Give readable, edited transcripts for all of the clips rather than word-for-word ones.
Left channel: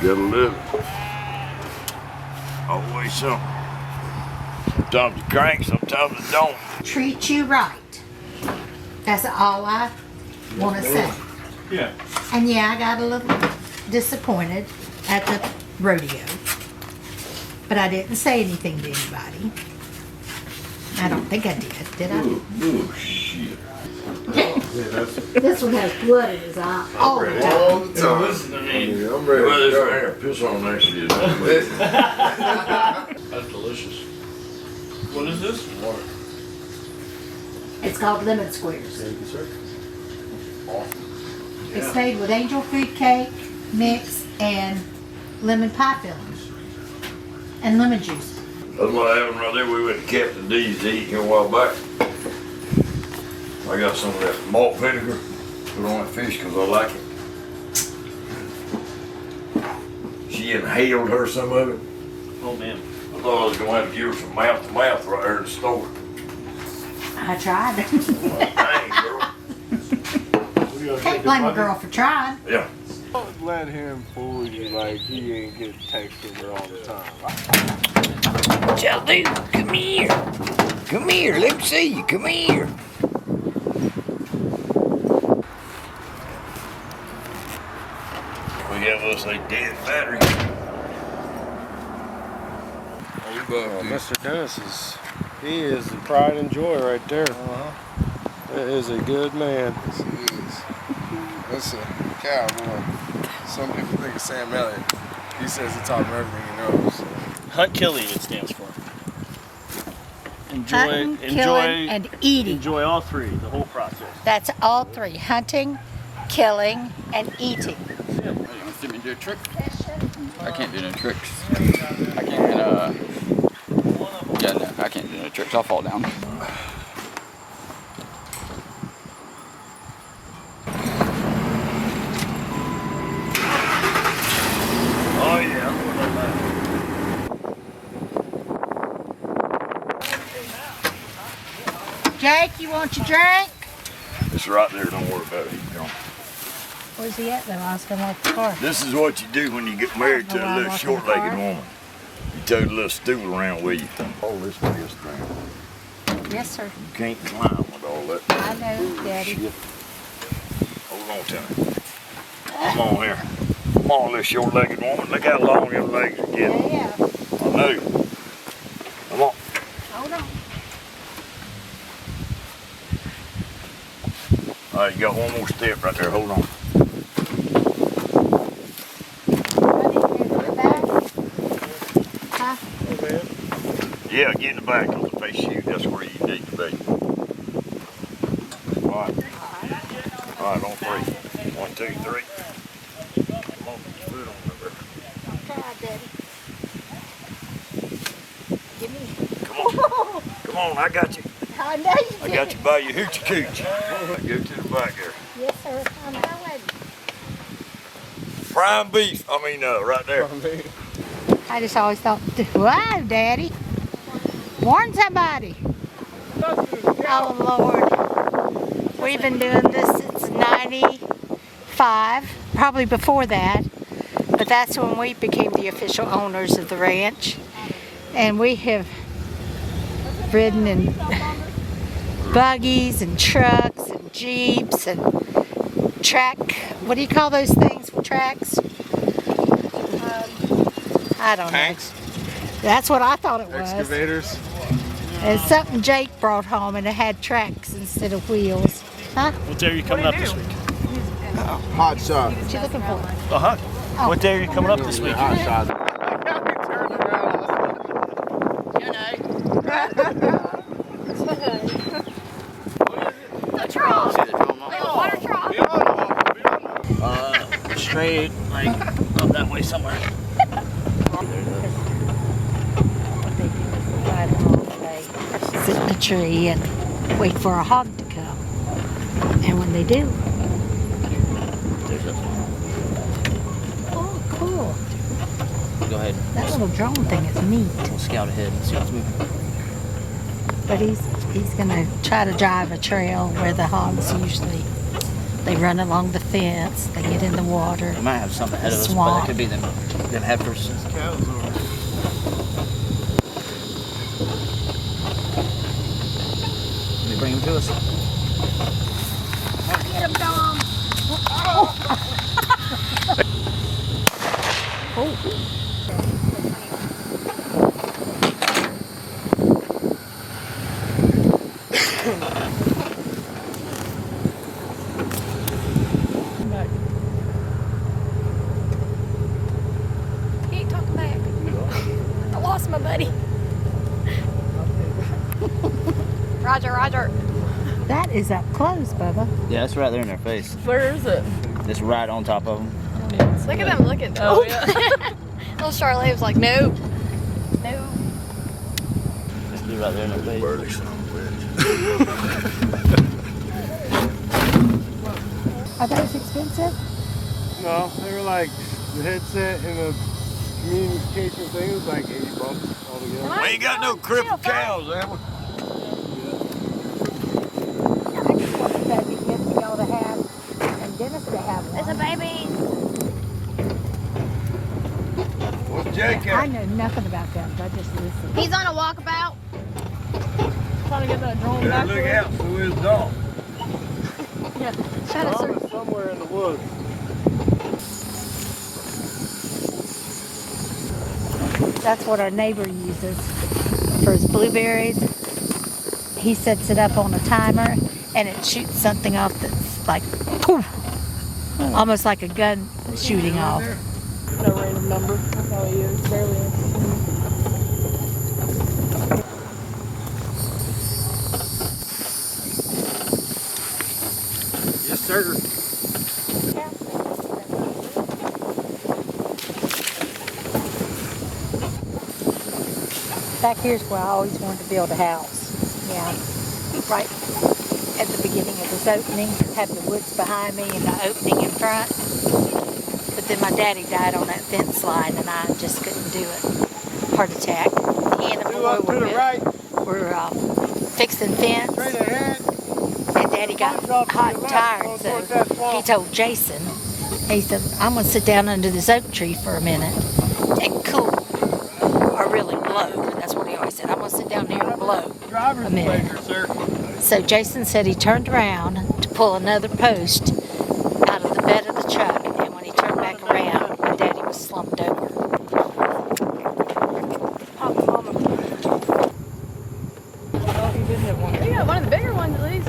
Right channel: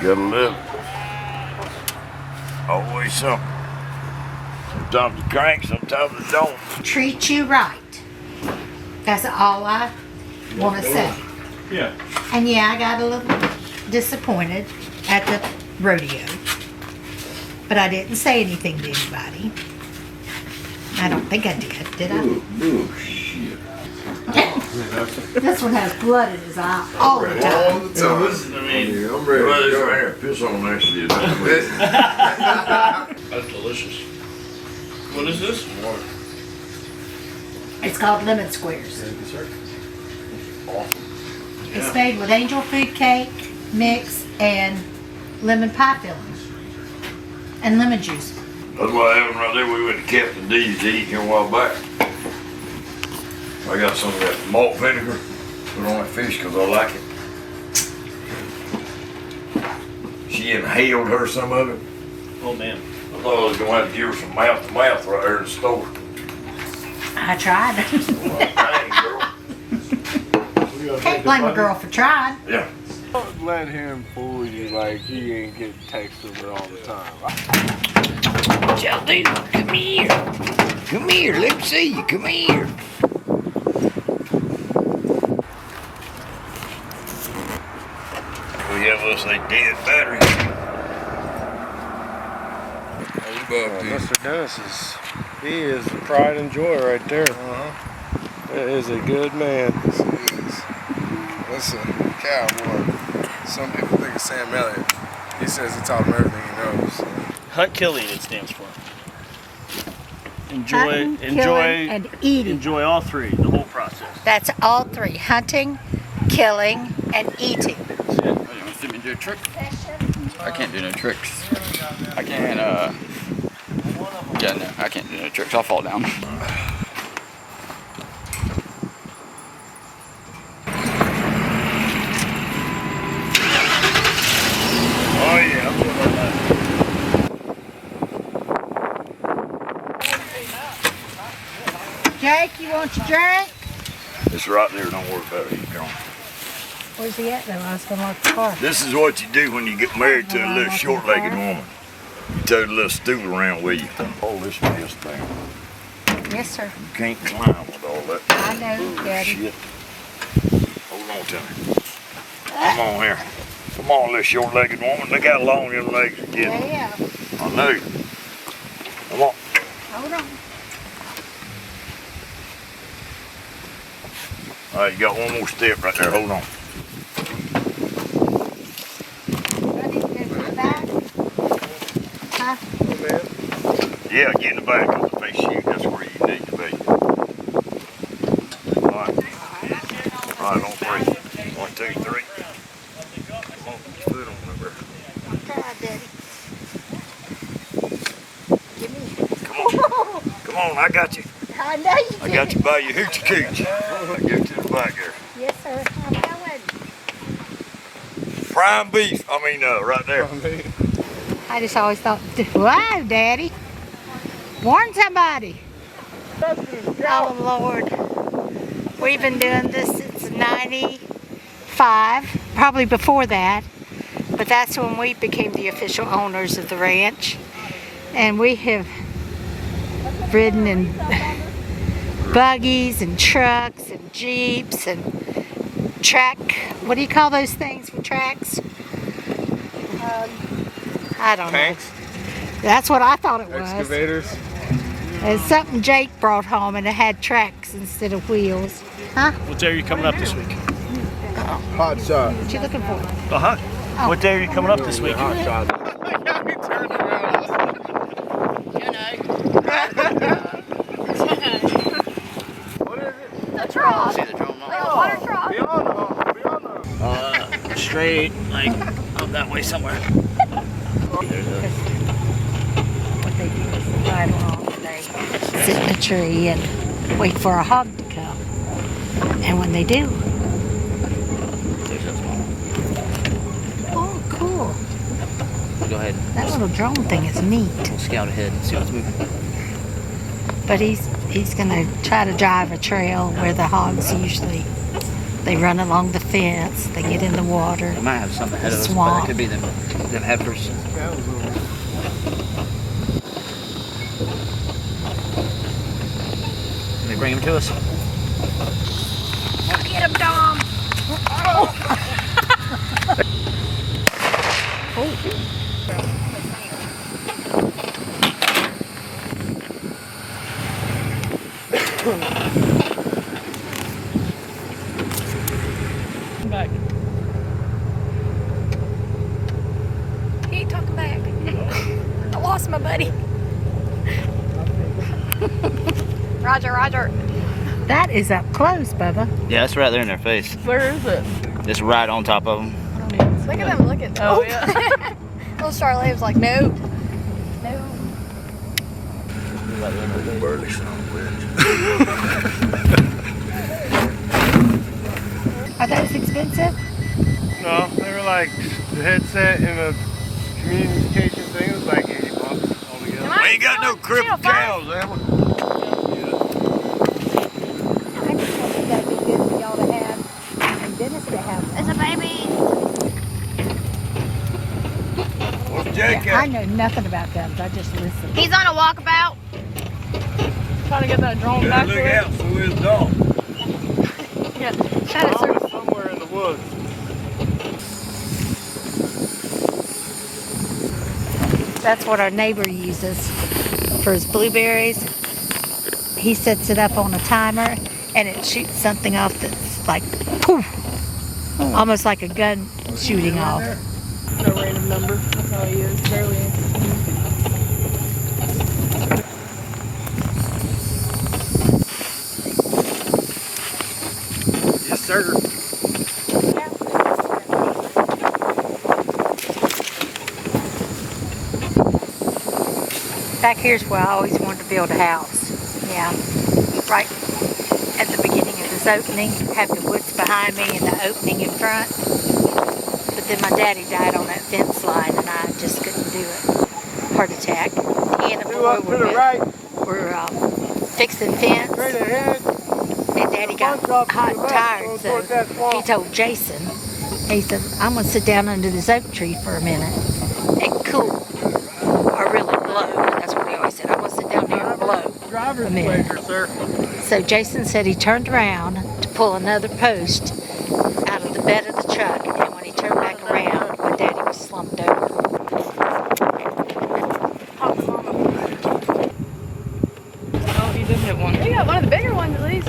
Gotta live. Always something. Sometimes it cranks, sometimes it don't. Treat you right. That's all I want to say. Yeah. And yeah, I got a little disappointed at the rodeo. But I didn't say anything to anybody. I don't think I did I? Shit. This one has blood in his eye all the time. All the time. I'm ready to go. Piss on next to you. That's delicious. What is this? Water. It's called lemon squares. Thank you, sir. It's made with angel food cake mix and lemon pie fillings and lemon juice. That's what happened right there. We went to Captain D's to eat here a while back. I got some of that malt vinegar, put on that fish because I like it. She inhaled her some of it. Oh man. I thought I was gonna have to give her some mouth to mouth right there in the store. I tried. Dang, girl. Can't blame a girl for trying. Yeah. Don't let him fool you like he ain't getting text from her all the time. Jelly, come here. Come here, let me see you. Come here. We have us a dead battery. Mr. Dennis he is the pride and joy right there. That is a good man. That's a cowboy. Some people think it's Sam Elliott. He says he taught him everything he knows. So. Hunt Killing it stands for. Hunting, killing, and eating. Enjoy all three, the whole process. That's all three: hunting, killing, and eating. You want to see me do a trick? I can't do no tricks. I can't, yeah, no, I can't do no tricks. I'll fall down. Oh yeah, I'm going like that. Jake, you want your drink? It's right there, don't worry about it. Keep going. Where's he at though? I was gonna lock the car. This is what you do when you get married to a little short-legged woman. You tote a little stool around with you. Hold this mess thing. Yes, sir. You can't climb with all that. I know, Daddy. Shit. Hold on to me. Come on here. Come on, little short-legged woman. Look how long your legs are getting. Yeah. I know you. Come on. Hold on. All right, you got one more step right there. Hold on. Ready to go to the back? Huh? Yeah, get in the back of the face chute. That's where you need to be. All right. All right, on three. 1, 2, 3. Come on, put your foot on the river. Try, Daddy. Give me. Come on. Come on, I got you. I know you I did. got you by your hoochie cooch. Go to the back there. Yes, sir. I'm going. Prime beef. I mean, right there. I just always thought, wow, Daddy. Warn somebody. Oh, Lord. We've been doing this since 95, probably before that. But that's when we became the official owners of the ranch. And we have ridden in buggies and trucks and jeeps and what do you call those things with tracks? I don't Tanks? know. That's what I thought it was. Excavators. It's something Jake brought home and it had tracks instead of wheels. Huh? What day are you coming up this week? Hot shot. What you looking for? Uh-huh. What day are you coming up this week? Hot shot. See the drum Straight, like, up that way somewhere. Sit in a tree and wait for a hog to come. And when they do, There's that small. oh, cool. Go ahead. That little drone thing is neat. We'll scout ahead and see what's moving. But he's gonna try to drive a trail where the hogs usually They run along the fence. They get in the water. We might have something ahead of us, but Swamp. it could be them heifers. Can we bring them to us? Get him, Dom. He ain't talking back. I lost my buddy. Roger, Roger. That is up close, Bubba. Yeah, that's right there in their face. Where is it? Just right on top of them. Look at them looking. Oh, yeah. Little Charlotte was like, no. No. Just be right there in their face. Burley son of a bitch. Are those expensive? No, they were like the headset and the communication thing was like $80 altogether. We ain't got no crippled cows, have we? I just wanted that'd be good for y'all to have and Dennis to have one. It's a baby. What's Jake I at? know nothing about guns. I just listen. He's on a walkabout. Trying to get that drone Better back look there. out, so is dog. Probably somewhere in the woods. That's what our neighbor uses for his blueberries. He sets it up on a timer and it shoots something off that's like poof, almost like a gun shooting off. No random number. That's how he is. Barely answers. Yes, sir. Back here's where I always wanted to build a house. Yeah, right at the beginning of this opening, have the woods behind me and the opening in front. But then my daddy died on that fence line and I just couldn't do it. Heart attack. He and the boy were fixing fence. Straight ahead. And Daddy got hot and tired, so he told Jason, he said, I'm going to sit down under this oak tree for a minute and cool, or really blow. That's what he always said. I'm going to sit down here and blow a minute. So Jason said he turned around to pull another post out of the bed of the truck, and when he turned back around, my daddy was slumped over. Oh, he did hit one. You got one of the bigger ones at least.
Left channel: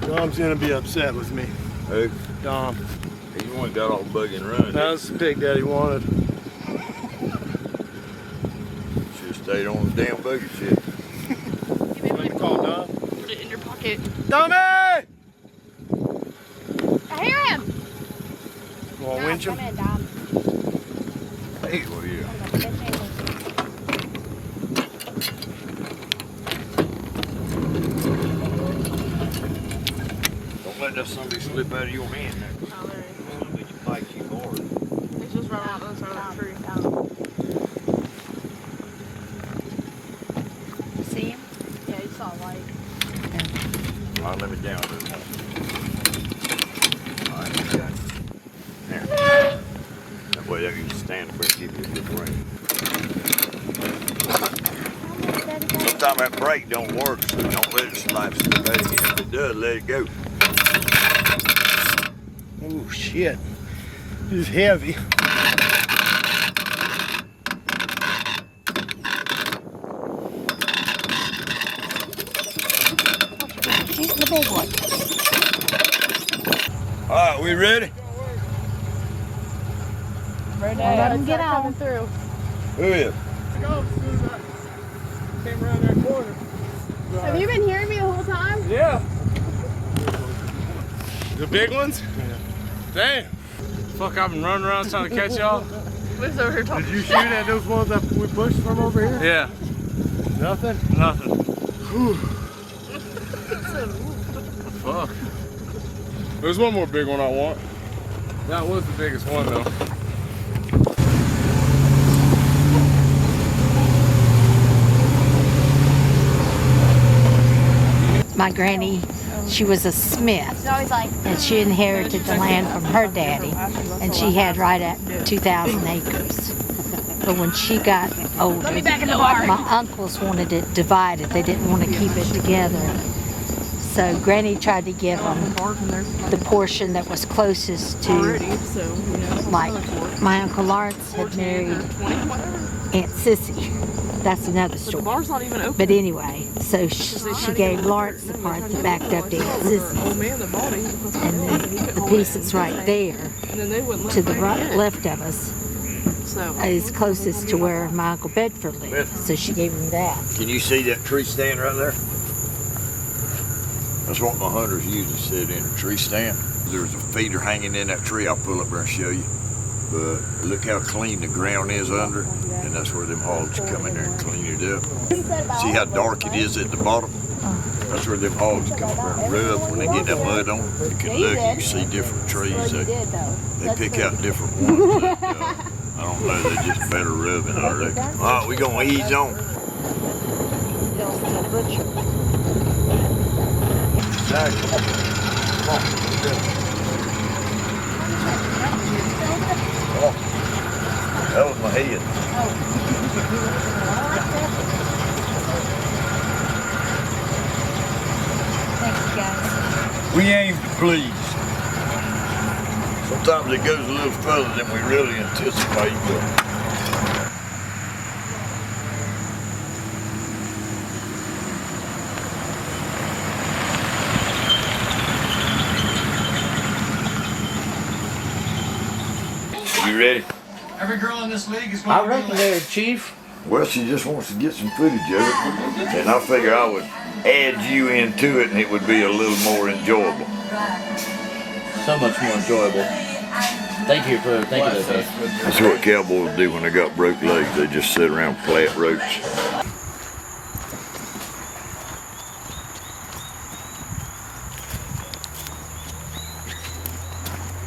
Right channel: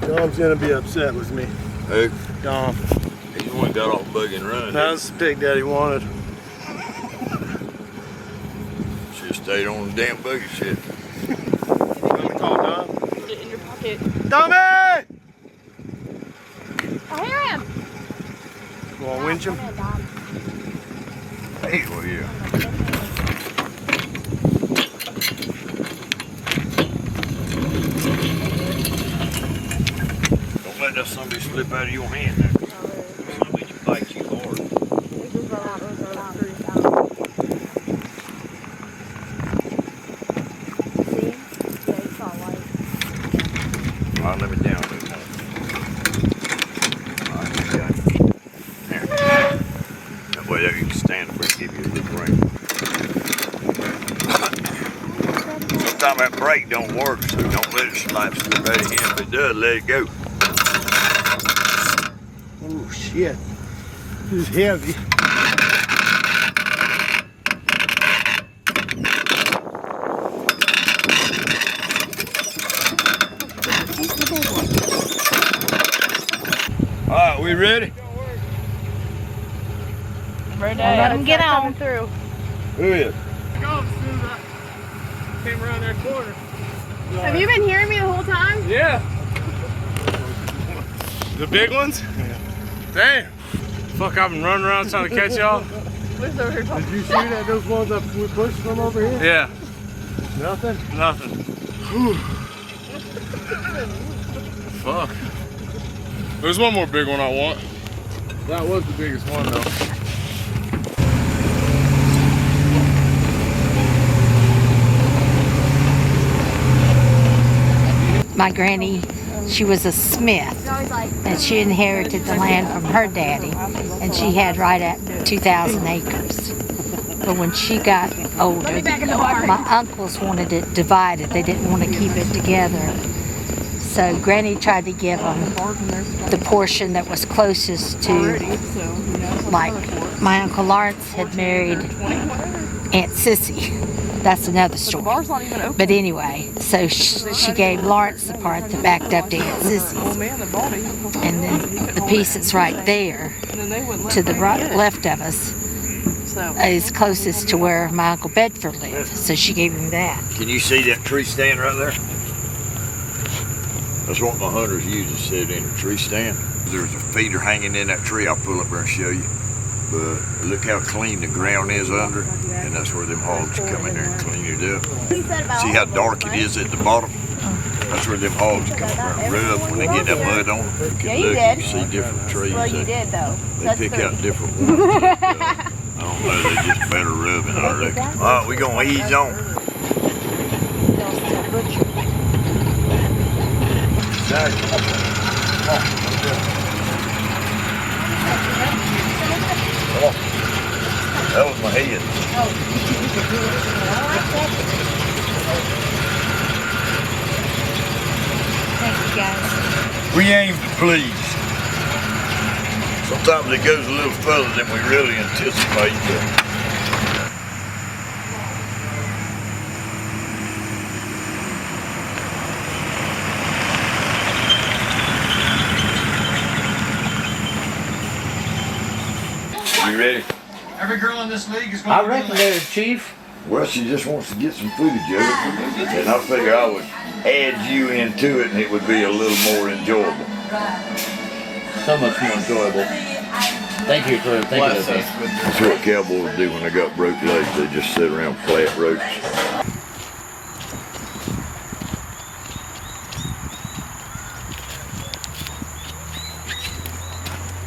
Dom's gonna be upset with me. Who? Dom. He's the one got off bug and run. That's the pig Daddy wanted. Should've stayed on the damn buggy shit. You want me to call Dom? Put it in your pocket. Dommy! I hear him. You want to winch him? Hey, well, yeah. Don't let that somebody slip out of your hand there. Somebody bites you hard. It's just right on the other side of the tree. See him? Yeah, he's all right. All right, let me down this one. All right, you got it. There. That way you can stand up and give you a good ring. Sometimes that brake don't work, so don't let it slap slip out of him. If it does, let it go. Oh shit. He's heavy. He's the big one. All right, we ready? Right Let him get on. coming through. Who is? Came around that corner. Have you been hearing me the whole time? Yeah. The big ones? Yeah. Damn. Fuck, I've been running around trying to catch y'all. What's over here talking? Did you shoot at those ones that we pushed from over here? Yeah. Nothing? Nothing. Fuck. There's one more big one I want. That was the biggest one though. My granny She was a smith, and she inherited the land from her daddy, and she had right at 2,000 acres. But when she got older, my uncles wanted it divided. They didn't want to keep it together. So Granny tried to give them the portion that was closest to, like, my Uncle Lawrence had married Aunt Sissy. That's another story. The bar's not even open. But anyway, so she gave Lawrence the part that backed up to Aunt Sissy's. Old man that bought it. And then the piece that's right there, And then they wouldn't let to the Granny get it. left of us, So is closest to where my Uncle Bedford lived. So she gave him that. Can you see that tree stand right there? That's what my hunters usually sit in, a tree stand. There's a feeder hanging in that tree. I'll pull up there and show you. But look how clean the ground is under it, and that's where them hogs come in there and clean it up. See how dark it is at the bottom? That's where them hogs come up there and rub when they get that mud on them. Yeah, you Look, did. you see different trees. Well, you did though. They pick out different ones. I don't know, they just better rubbing, I reckon. All right, we gonna ease on. They'll still butcher it. Exactly. Come on, let's do it. Come on. That was my head. Thank you, guys. We aim to please. Sometimes it goes a little further than we really anticipate. You ready? Every girl in this league is I reckon there, Chief. Well, she just wants to get some footage of it, and I figure I would add you into it, and it would be a little more enjoyable. So much more enjoyable. Thank you for thinking of me. That's what cowboys do when they got broke legs. They just sit around and play at ropes.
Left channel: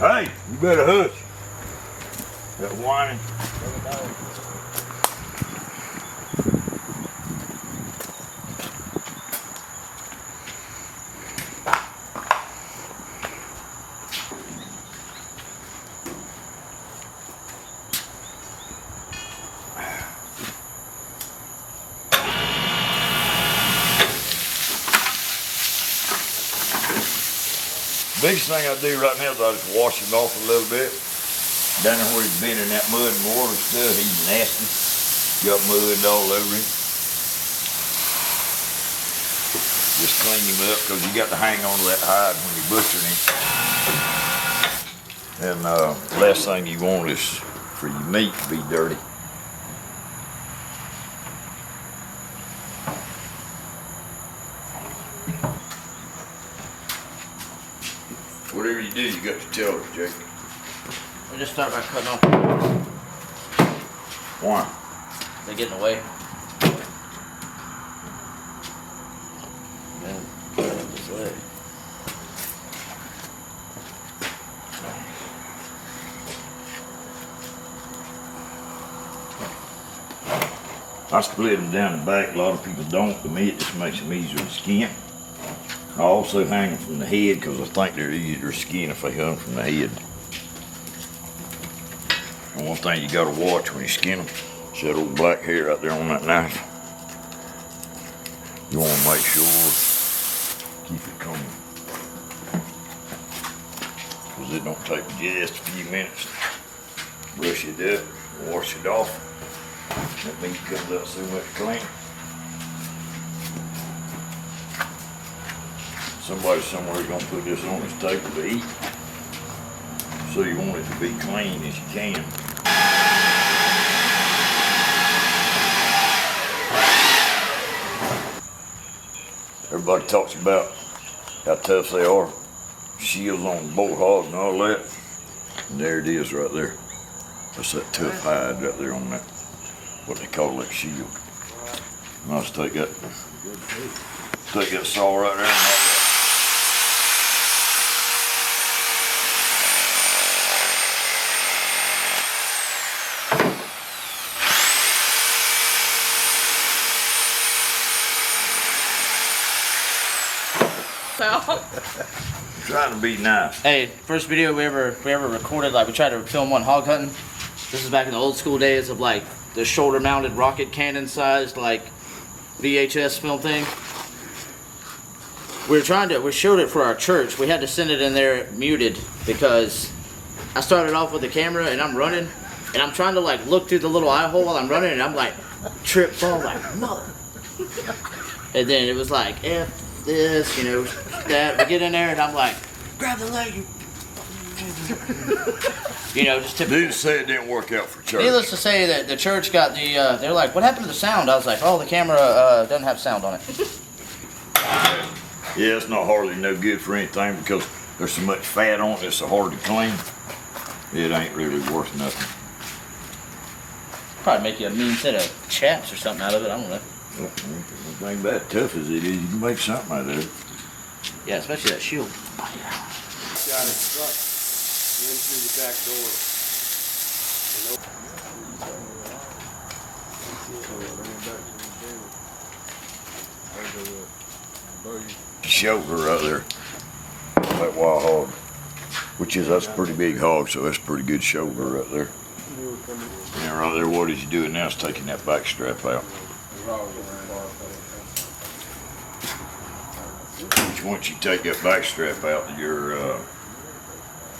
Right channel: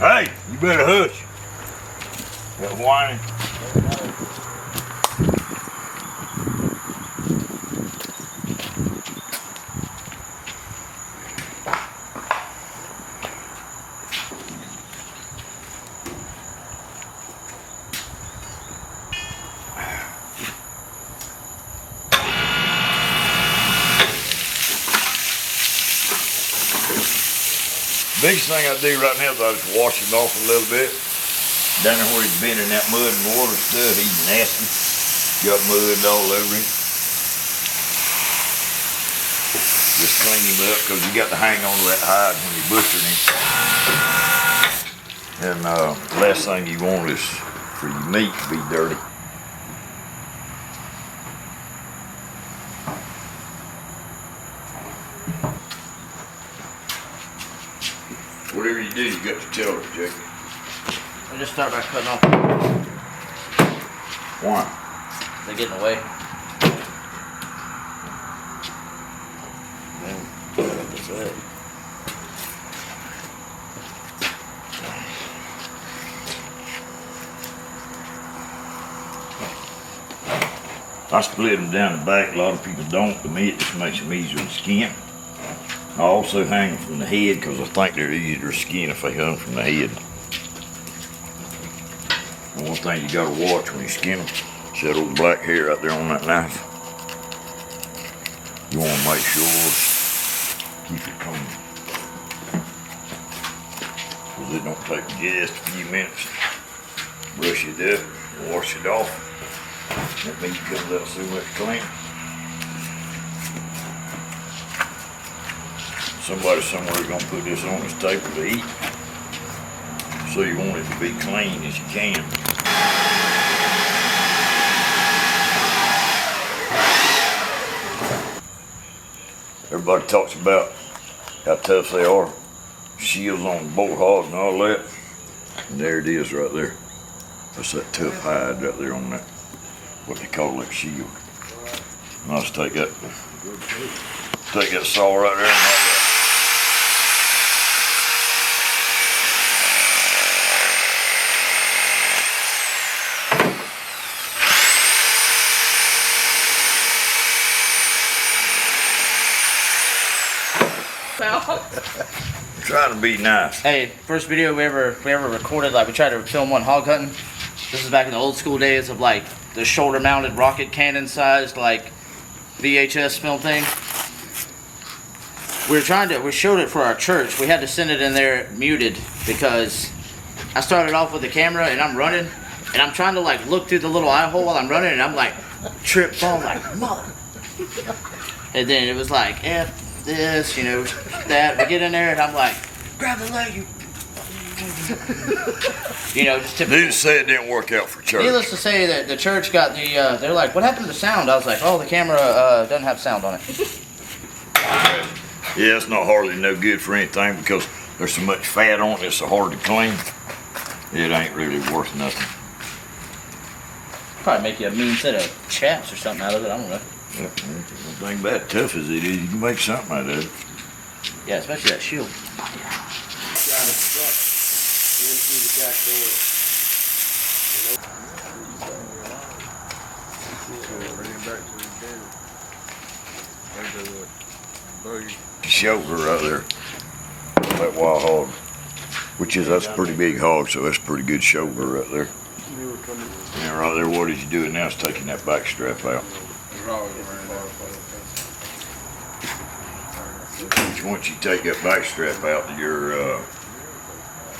Hey, you better hush. That whining. Biggest thing I do right now is I just wash him off a little bit. Down there where he's been in that mud and water stuff, he's nasty. Got mud all over him. Just clean him up because you got to hang on to that hide when you butcher him. And the last thing you want is for your meat to be dirty. Whatever you do, you got to tell her, Jake. I just start by cutting off. Why? They're getting away. Then put it up this way. I split them down the back. A lot of people don't. To me, it just makes them easier to skin. I also hang them from the head because I think they're easier to skin if they hung from the head. And one thing you gotta watch when you skin them is that old black hair out there on that knife. You wanna make sure, keep it clean. Because it don't take just a few minutes. Brush it up, wash it off. That meat comes out so much cleaner. Somebody somewhere is gonna put this on this table to eat. So you want it to be clean as you can. Everybody talks about how tough they are. Shields on bolt hog and all that. And there it is right there. That's that tough hide right there on that, what they call that shield. And I'll just take that saw right there and knock that. trying to be nice. Hey, first video we ever recorded, like we tried to film one hog hunting. This is back in the old school days of like the shoulder mounted rocket cannon sized like VHS film thing. We showed it for our church. We had to send it in there muted because I started off with the camera and I'm running and I'm trying to like look through the little eye hole while I'm running and I'm like trip fall like mother. And then it was like F this, you know, that. We get in there and I'm like, grab the leg, you. You know, just typical. Needless to say, it didn't work out for church. Needless to say that the church got the, they're like, what happened to the sound? I was like, oh, the camera doesn't have sound on it. Yeah, it's not hardly no good for anything because there's so much fat on it, it's so hard to clean. It ain't really worth nothing. Probably make you a mean set of chaps or something out of it, I don't know. The thing about it, tough as it is, you can make something out of it. Yeah, especially that shield. Shoulder right there, that wild hog, which is, that's a pretty big hog, so that's a pretty good shoulder right there. And right there, what is you doing now is taking that back strap out. Once you take that back strap out, your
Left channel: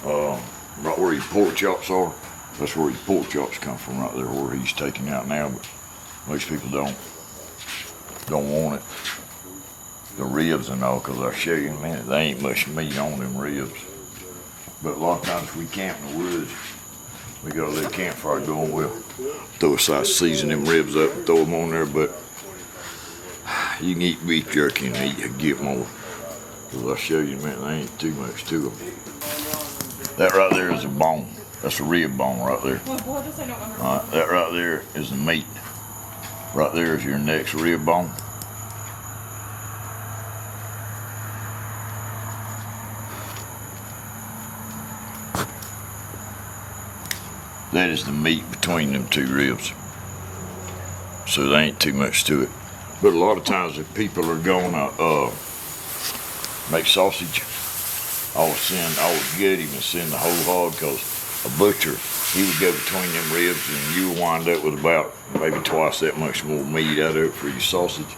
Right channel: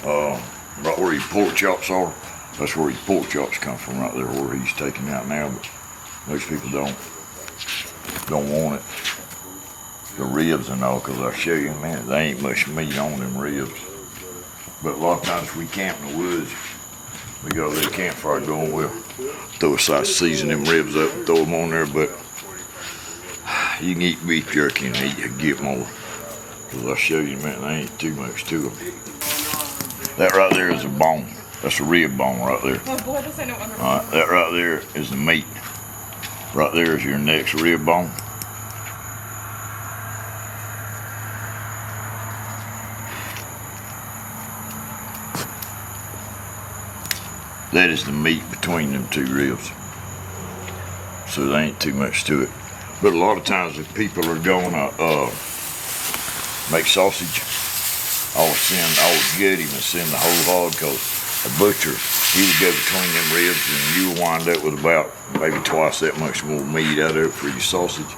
right where your pork chops are, that's where your pork chops come from right there, where he's taking out now. But most people don't want it, the ribs and all, because I'll show you in a minute, there ain't much meat on them ribs. But a lot of times we camp in the woods, we got a little campfire going, we'll throw a slice, season them ribs up and throw them on there. But you can eat beef jerky and get more, because I'll show you in a minute, there ain't too much to them. That right there is a bone. That's a rib bone right there. Alright, that right there is the meat. Right there is your next rib bone. That is the meat between them two ribs. So there ain't too much to it. But a lot of times if people are going to make sausage, I'll gut him and send the whole hog, because a butcher, he would go between them ribs and you'll wind up with about maybe twice that much more meat out of it for your sausage.